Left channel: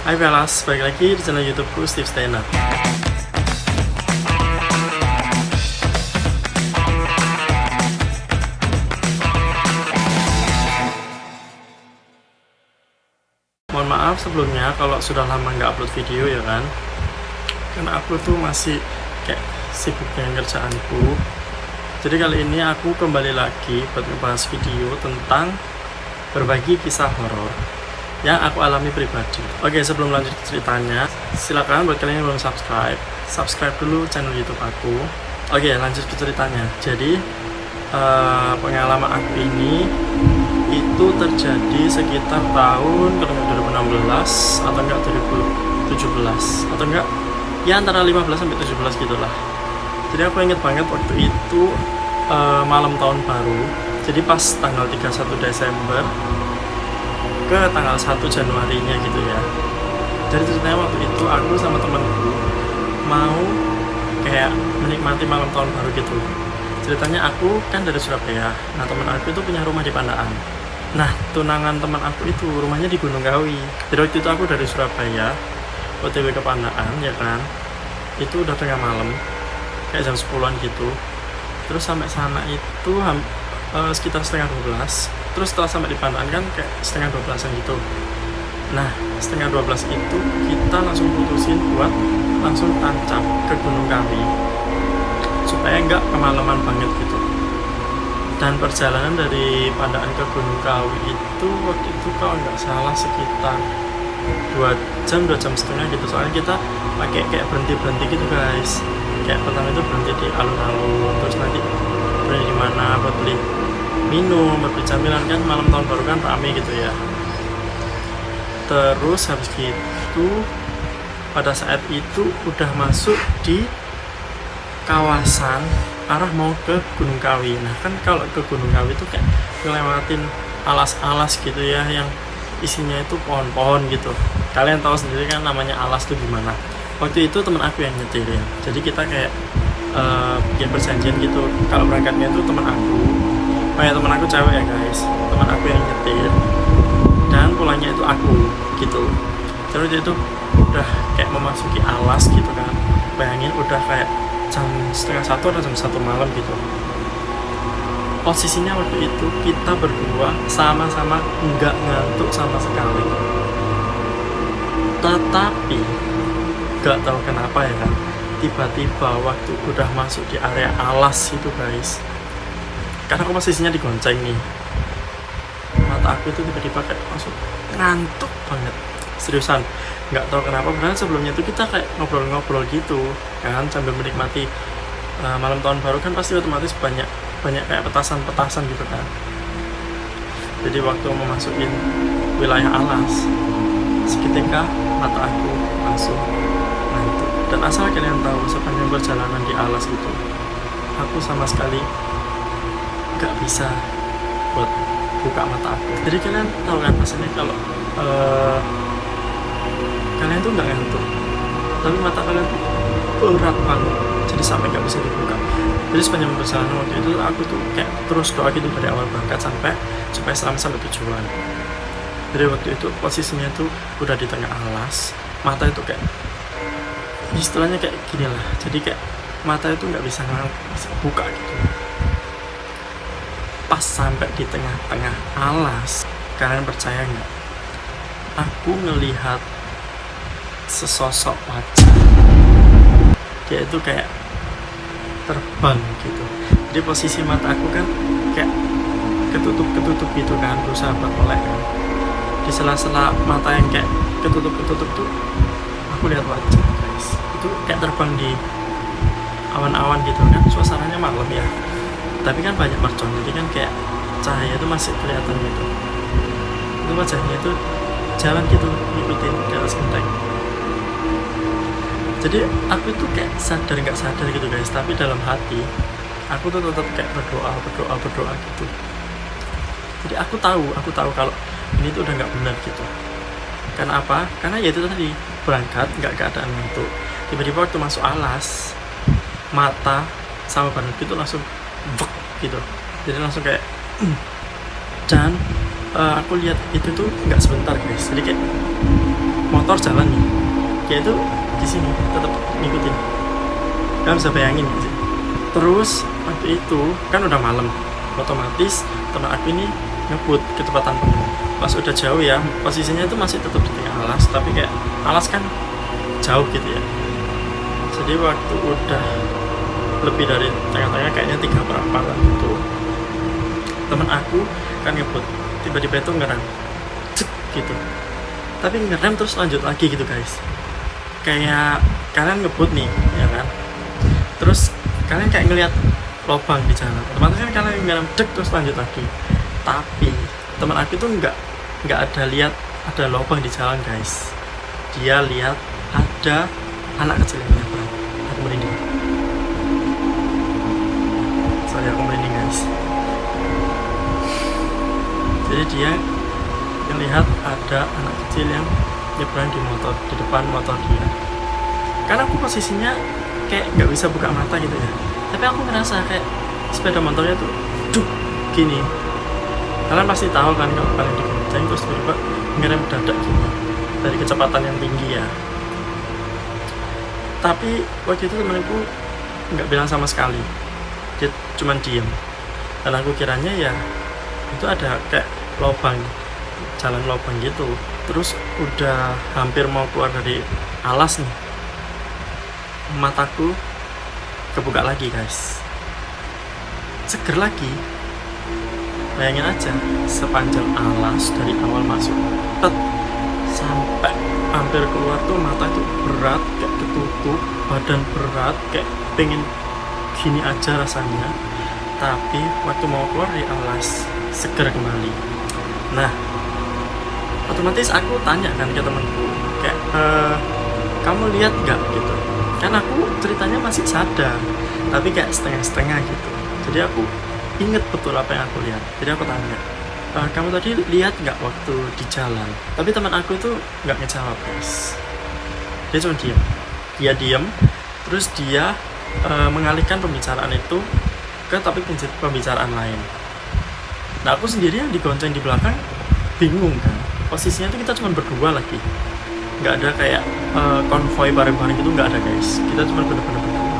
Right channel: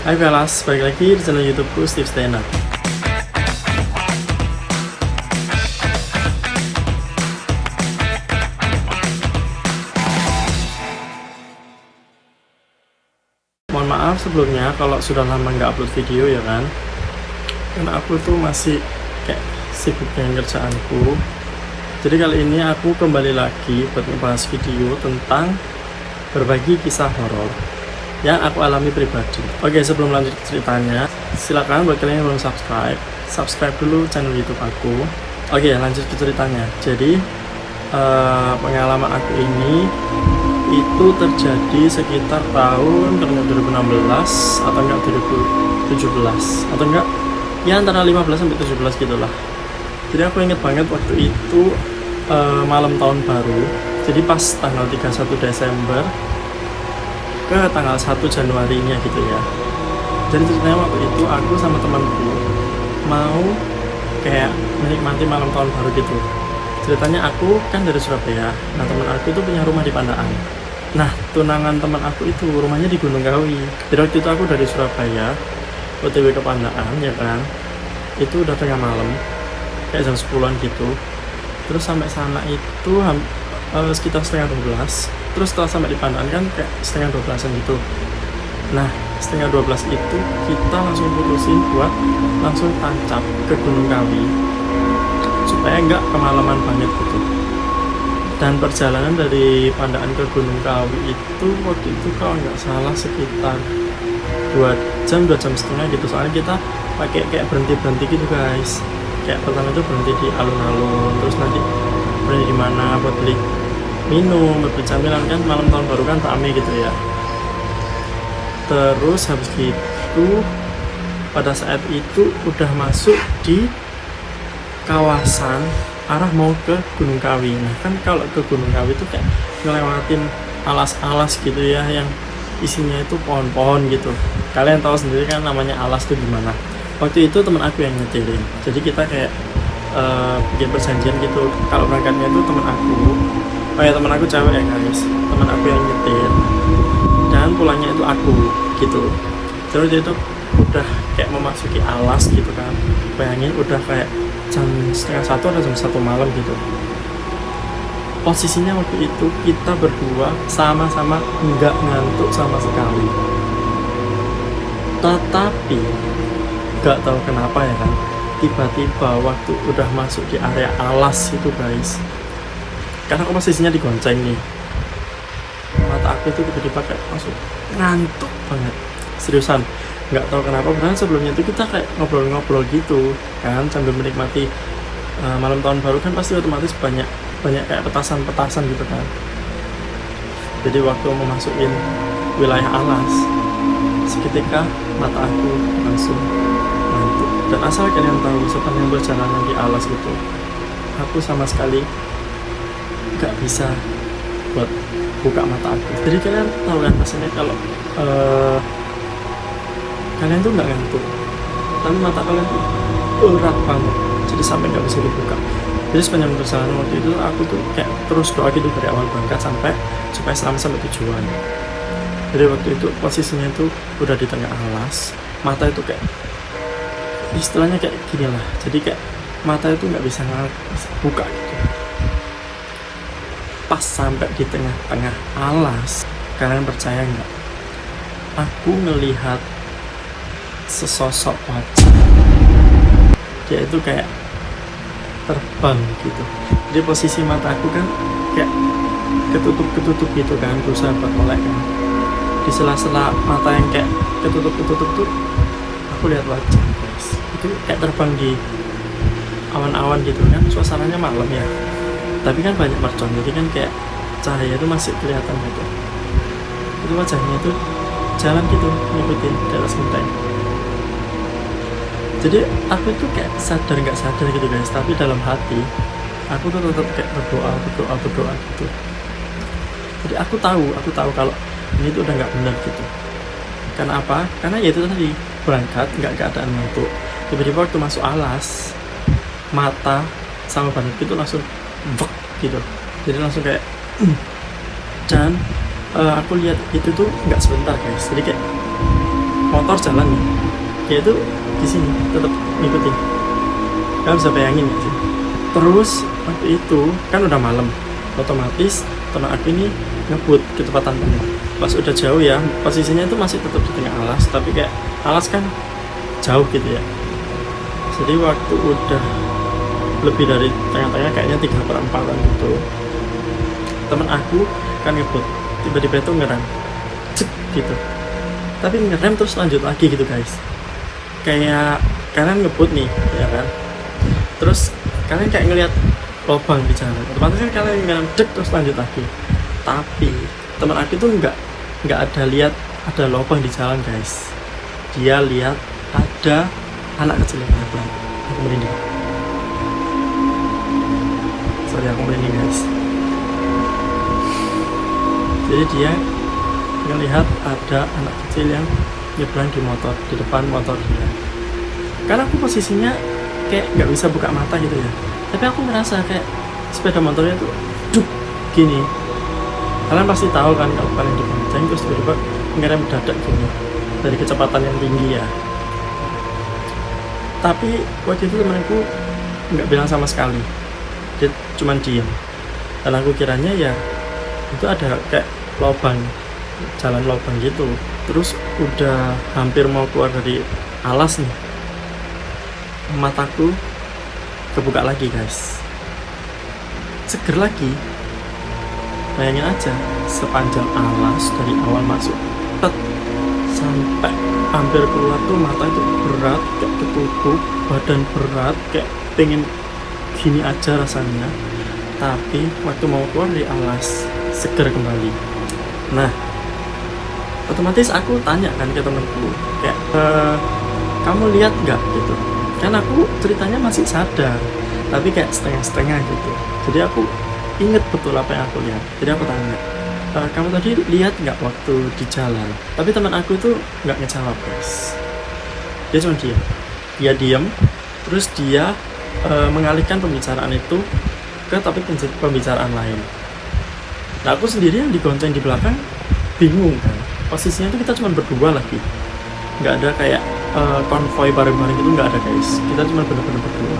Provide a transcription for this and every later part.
Hai Velas, balik lagi di channel YouTubeku Steve Steiner. Mohon maaf sebelumnya kalau sudah lama nggak upload video ya kan, karena aku tuh masih kayak sibuk dengan kerjaanku. Jadi kali ini aku kembali lagi buat ngebahas video tentang berbagi kisah horor yang aku alami pribadi. Oke, sebelum lanjut ke ceritanya, silakan buat kalian yang belum subscribe dulu channel YouTube aku. Oke, lanjut ke ceritanya. Jadi pengalaman aku ini itu terjadi sekitar tahun 2016 atau enggak 2017 atau enggak ya antara 15 sampai 17 gitulah. Jadi aku inget banget waktu itu malam tahun baru. Jadi pas tanggal 31 Desember ke tanggal 1 Januarinya gitu ya. Jadi ceritanya waktu itu aku sama temanku mau kayak menikmati malam tahun baru gitu. Ceritanya aku kan dari Surabaya. Nah, teman aku itu punya rumah di Pandaan. Nah, tunangan teman aku itu rumahnya di Gunung Kawi. Jadi waktu itu aku dari Surabaya OTW ke Pandaan ya kan. Itu udah tengah malam, kayak jam 10-an gitu. Terus sampai sana itu sekitar setengah 12. Terus setelah sampai di Pandaan kan kayak setengah 12-an gitu. Nah, setengah 12 itu kita langsung putusin buat langsung tancap ke Gunung Kawi supaya nggak kemalaman banget gitu. Dan perjalanan dari Pandaan ke Gunung Kawi itu waktu itu kalau nggak salah sekitar 2 jam setengah gitu. Soalnya kita pakai kayak berhenti gitu guys. Kayak pertama itu berhenti di alun-alun, terus nanti berhenti di mana buat beli minum, beli camilan, kan malam tahun baru kan rame gitu ya. Terus habis itu pada saat itu udah masuk di kawasan arah mau ke Gunung Kawi. Nah kan kalau ke Gunung Kawi itu kayak ngelewatin alas-alas gitu ya, yang isinya itu pohon-pohon gitu. Kalian tahu sendiri kan namanya alas tuh gimana. Waktu itu teman aku yang nyetirin, jadi kita kayak bikin perjanjian gitu. Kalau berangkatnya itu teman aku, teman aku cewek ya guys, teman aku yang nyetir, dan pulangnya itu aku gitu. Terus itu udah kayak memasuki alas gitu kan. Bayangin udah kayak jam setengah 1 atau jam 1 malam gitu. Posisinya waktu itu kita berdua sama-sama nggak ngantuk sama sekali. Tetapi nggak tahu kenapa ya kan, tiba-tiba waktu udah masuk di area alas itu guys, karena aku posisinya digonceng nih, mata aku itu tiba-tiba kayak langsung ngantuk banget, seriusan. Nggak tahu kenapa, karena sebelumnya itu kita kayak ngobrol-ngobrol gitu kan sambil menikmati malam tahun baru kan, pasti otomatis banyak kayak petasan gitu kan. Jadi waktu memasukin wilayah alas, seketika mata aku langsung ngantuk. Dan asal kalian tahu, sepanjang perjalanan di alas itu aku sama sekali nggak bisa buat buka mata aku. Jadi kalian tahu kan rasanya kalau kalian tuh nggak ngantuk tapi mata kalian tuh erat banget, jadi sampai nggak bisa dibuka. Jadi sepanjang perjalanan waktu itu aku tuh kayak terus doa gitu dari awal berangkat supaya selamat sampai tujuan. Jadi waktu itu posisinya itu udah di tengah alas, mata itu kayak istilahnya kayak gini lah, jadi kayak mata itu nggak bisa buka gitu. Pas sampai di tengah-tengah alas, kalian percaya nggak, aku ngelihat sesosok wajah, dia itu kayak terbang gitu. Jadi posisi mata aku kan kayak ketutup gitu kan, berusaha buat melek kan. Di sela-sela mata yang kayak ketutup tuh aku lihat wajah guys, itu kayak terbang di awan-awan gitu kan. Suasananya malam ya, tapi kan banyak mercon, jadi kan kayak cahaya itu masih kelihatan gitu. Itu wajahnya itu jalan gitu, ngikutin di atas genteng. Jadi aku itu kayak sadar nggak sadar gitu guys, tapi dalam hati aku tuh tetap kayak berdoa gitu. Jadi aku tahu kalau ini tuh udah nggak benar gitu. Karena apa? Karena ya itu tadi, berangkat nggak keadaan ngantuk, tiba-tiba waktu masuk alas, mata sama badanku itu langsung bek gitu. Jadi langsung kayak dan aku lihat itu tuh nggak sebentar guys, jadi kayak motor jalan nih, dia itu di sini tetap ngikutin. Kalian bisa bayangin gitu. Terus waktu itu kan udah malam, otomatis teman aku ini ngebut kecepatan penuh. Pas udah jauh ya, posisinya itu masih tetap di tengah alas, tapi kayak alas kan jauh gitu ya. Jadi waktu udah lebih dari tengah-tengah, kayaknya 3/4 gitu, temen aku kan ngebut, tiba-tiba itu ngerem gitu, tapi ngerem terus lanjut lagi gitu guys. Kayak kalian ngebut nih ya kan, terus kalian kayak ngelihat lubang di jalan, otomatis kan kalian ngerem terus lanjut lagi. Tapi teman aku tuh nggak ada lihat ada lubang di jalan guys. Dia lihat ada anak kecil yang nyebrang. Aku merinding. Sorry, aku merinding guys. Jadi dia ngelihat ada anak kecil yang nyebrang di motor, di depan motor dia. Karena aku posisinya kayak nggak bisa buka mata gitu ya, tapi aku ngerasa kayak sepeda motornya tuh duk gini. Kalian pasti tahu kan kalau kalian dibonceng terus tiba-tiba ngerem dadak gitu dari kecepatan yang tinggi ya. Tapi waktu itu temanku nggak bilang sama sekali, dia cuma diem. Dan aku kiranya ya itu ada kayak lubang, jalan lubang gitu. Terus udah hampir mau keluar dari alas nih, mataku kebuka lagi guys, seger lagi. Bayangin aja, sepanjang alas dari awal masuk sampai hampir keluar tuh mata itu berat, kayak ketutup, badan berat, kayak pengen gini aja rasanya. Tapi waktu mau keluar dari alas, seger kembali. Nah, otomatis aku tanya kan ke temanku, kayak kamu lihat nggak gitu? Kan aku ceritanya masih sadar, tapi kayak setengah-setengah gitu. Jadi aku inget betul apa yang aku lihat. Jadi aku tanya, kamu tadi lihat nggak waktu di jalan? Tapi teman aku itu nggak ngejawab guys. Dia cuma diam. Dia diam, terus dia mengalihkan pembicaraan itu ke topik pembicaraan lain. Nah, aku sendiri yang digonceng di belakang bingung kan. Posisinya itu kita cuma berdua lagi. Nggak ada kayak konvoy bareng-bareng gitu, nggak ada guys. Kita cuma bener-bener berdua.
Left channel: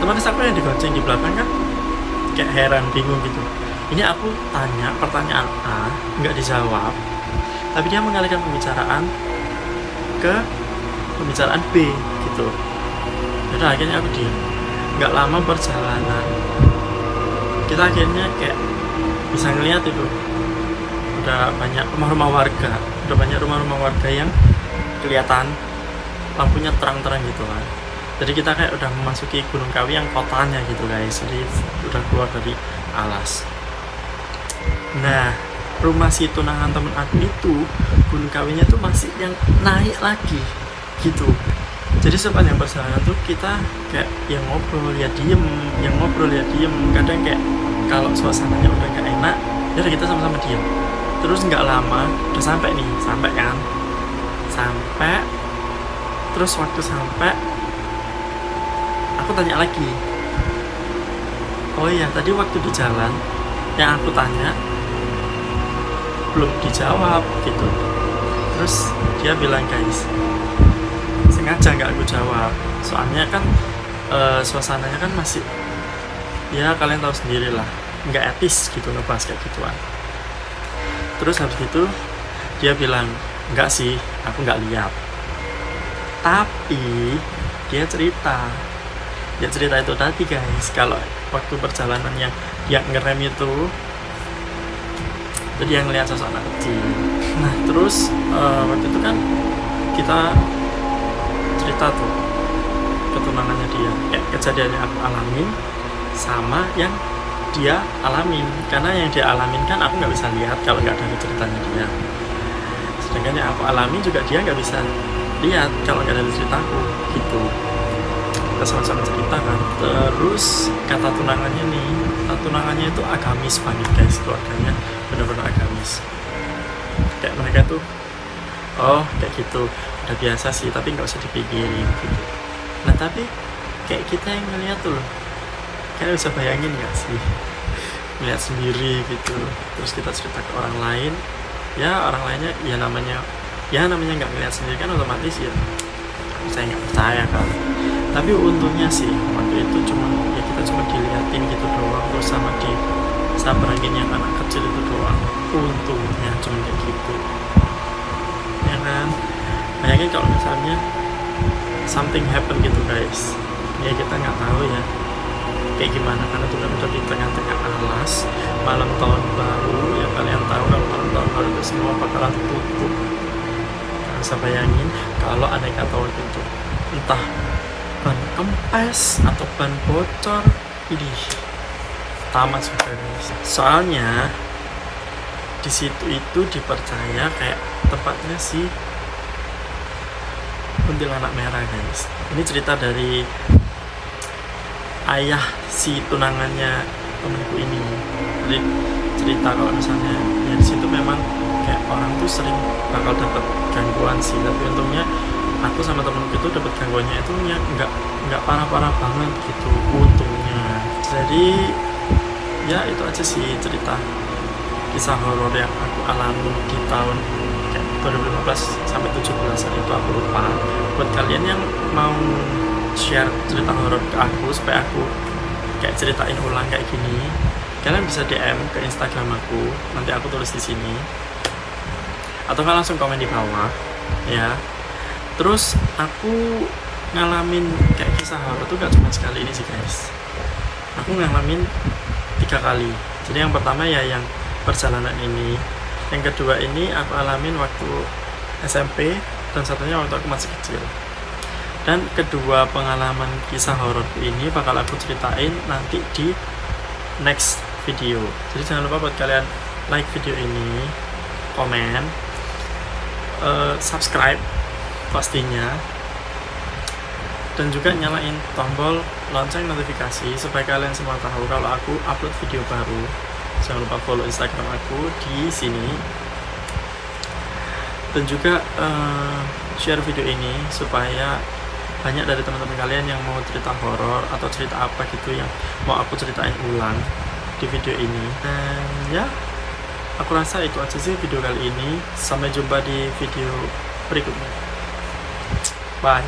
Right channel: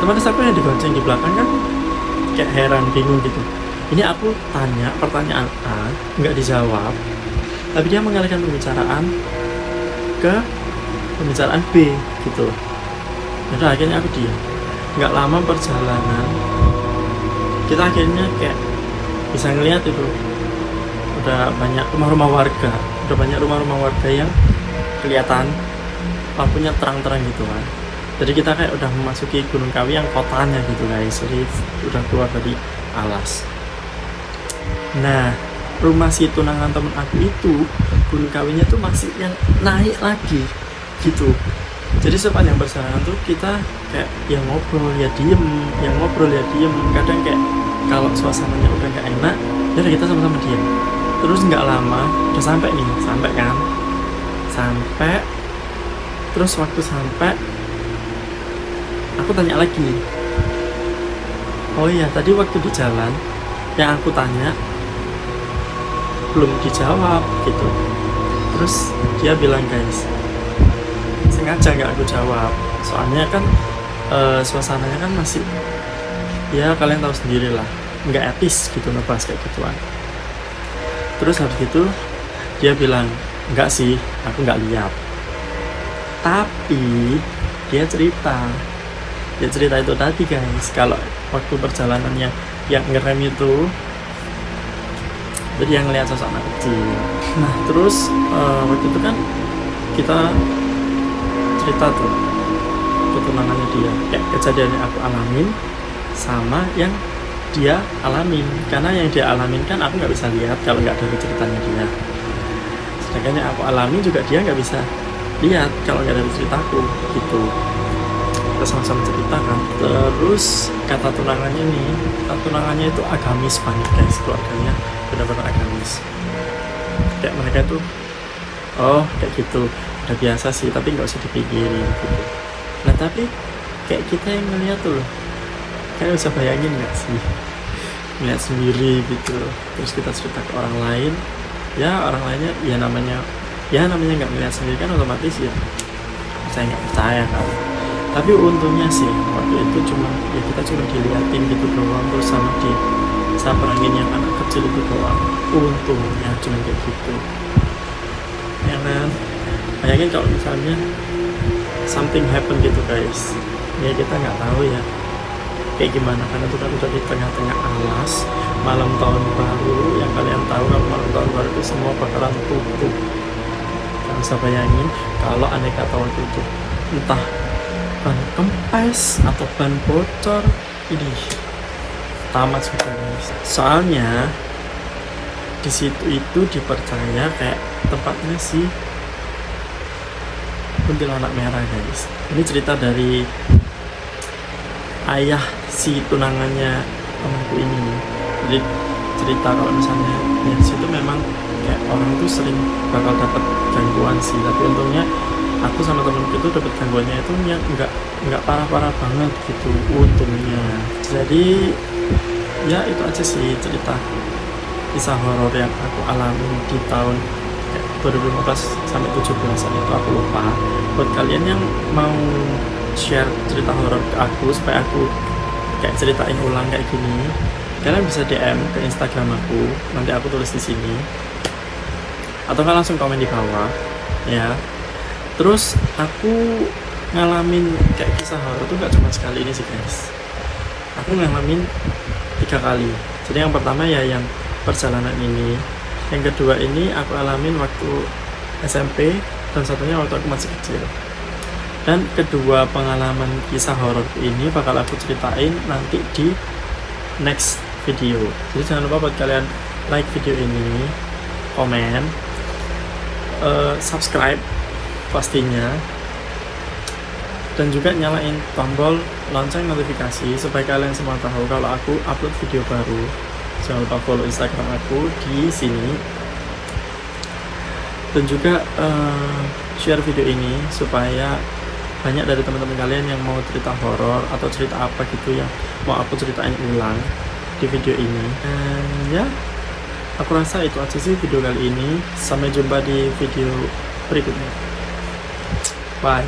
Otomatis aku yang digonceng di belakang kan kayak heran, bingung gitu. Ini aku tanya pertanyaan A, nggak dijawab, tapi dia mengalihkan pembicaraan ke pembicaraan B gitu. Jadi akhirnya aku diam. Nggak lama perjalanan, kita akhirnya kayak bisa ngeliat itu udah banyak rumah-rumah warga, yang kelihatan lampunya terang-terang gitu kan. Jadi kita kayak udah memasuki Gunung Kawi yang kotanya gitu guys. Jadi udah keluar dari alas. Nah, rumah si tunangan temen aku itu, Gunung Kawinya tuh masih yang naik lagi gitu. Jadi sepanjang perjalanan tuh kita kayak yang ngobrol ya diem, yang ngobrol ya diem. Kadang kayak kalau suasananya udah nggak enak, ya kita sama-sama diem. Terus nggak lama udah sampai kan? Sampai. Terus waktu sampai, aku tanya lagi, oh iya tadi waktu di jalan yang aku tanya belum dijawab gitu. Terus dia bilang guys, sengaja nggak aku jawab, soalnya kan suasananya kan masih, ya kalian tahu sendiri lah, nggak etis gitu ngebahas kayak gituan. Terus habis itu dia bilang, enggak sih, aku nggak lihat. Tapi dia cerita itu tadi guys, kalau waktu perjalanannya yang ngerem itu, jadi yang ngeliat sosok anak kecil. Nah terus waktu itu kan kita cerita tuh ketunangannya dia, kayak kejadiannya aku alamin sama yang dia alamin. Karena yang dia alamin kan aku nggak bisa lihat kalau nggak ada ceritanya dia, sedangkan yang aku alami juga dia nggak bisa lihat kalau nggak ada ceritaku gitu. Kita sama-sama cerita kan. Terus kata tunangannya itu agamis banget guys, keluarganya benar-benar agamis. Kayak mereka tuh, oh kayak gitu, udah biasa sih, tapi nggak usah dipikirin gitu. Nah tapi kayak kita yang ngeliat tuh loh, kayak bisa bayangin nggak sih, ngeliat sendiri gitu. Terus kita cerita ke orang lain, ya orang lainnya ya namanya Ya namanya nggak ngeliat sendiri kan otomatis ya saya nggak percaya kan. Tapi untungnya sih waktu itu kita cuma diliatin gitu doang, terus sama disaperangin yang anak kecil itu doang. Untungnya cuma kayak gitu ya kan. Bayangin kalau misalnya something happen gitu guys, ya kita nggak tahu ya kayak gimana, karena itu kan udah di tengah-tengah alas malam tahun baru. Yang kalian tahu kalau malam tahun baru itu semua bakalan tutup. Kalian bisa bayangin kalau aneka tahu itu entah ban kempes atau ban bocor, ini tamat sudah guys. Soalnya di situ itu dipercaya kayak tempatnya si kuntilanak merah guys. Ini cerita dari ayah si tunangannya temanku ini. Jadi cerita kalau misalnya ya di situ memang kayak orang tuh sering bakal dapat gangguan sih, tapi untungnya aku sama temenku itu dapat gangguannya itu ya nggak parah-parah banget gitu untungnya. Jadi ya itu aja sih cerita kisah horor yang aku alami di tahun 2015 sampai 17-an itu aku lupa. Buat kalian yang mau share cerita horor ke aku supaya aku kayak ceritain ulang kayak gini, kalian bisa DM ke Instagram aku, nanti aku tulis di sini, atau kalian langsung komen di bawah ya. Terus aku ngalamin kayak kisah horor tuh gak cuma sekali ini sih guys, aku ngalamin 3 kali. Jadi yang pertama ya yang perjalanan ini, yang kedua ini aku alamin waktu SMP, dan satunya waktu aku masih kecil. Dan kedua pengalaman kisah horor ini bakal aku ceritain nanti di next video. Jadi jangan lupa buat kalian like video ini, komen, subscribe pastinya, dan juga nyalain tombol lonceng notifikasi supaya kalian semua tahu kalau aku upload video baru. Jangan lupa follow Instagram aku di sini, dan juga share video ini supaya banyak dari teman-teman kalian yang mau cerita horor atau cerita apa gitu yang mau aku ceritain ulang di video ini. Dan ya, aku rasa itu aja sih video kali ini. Sampai jumpa di video berikutnya. Bye.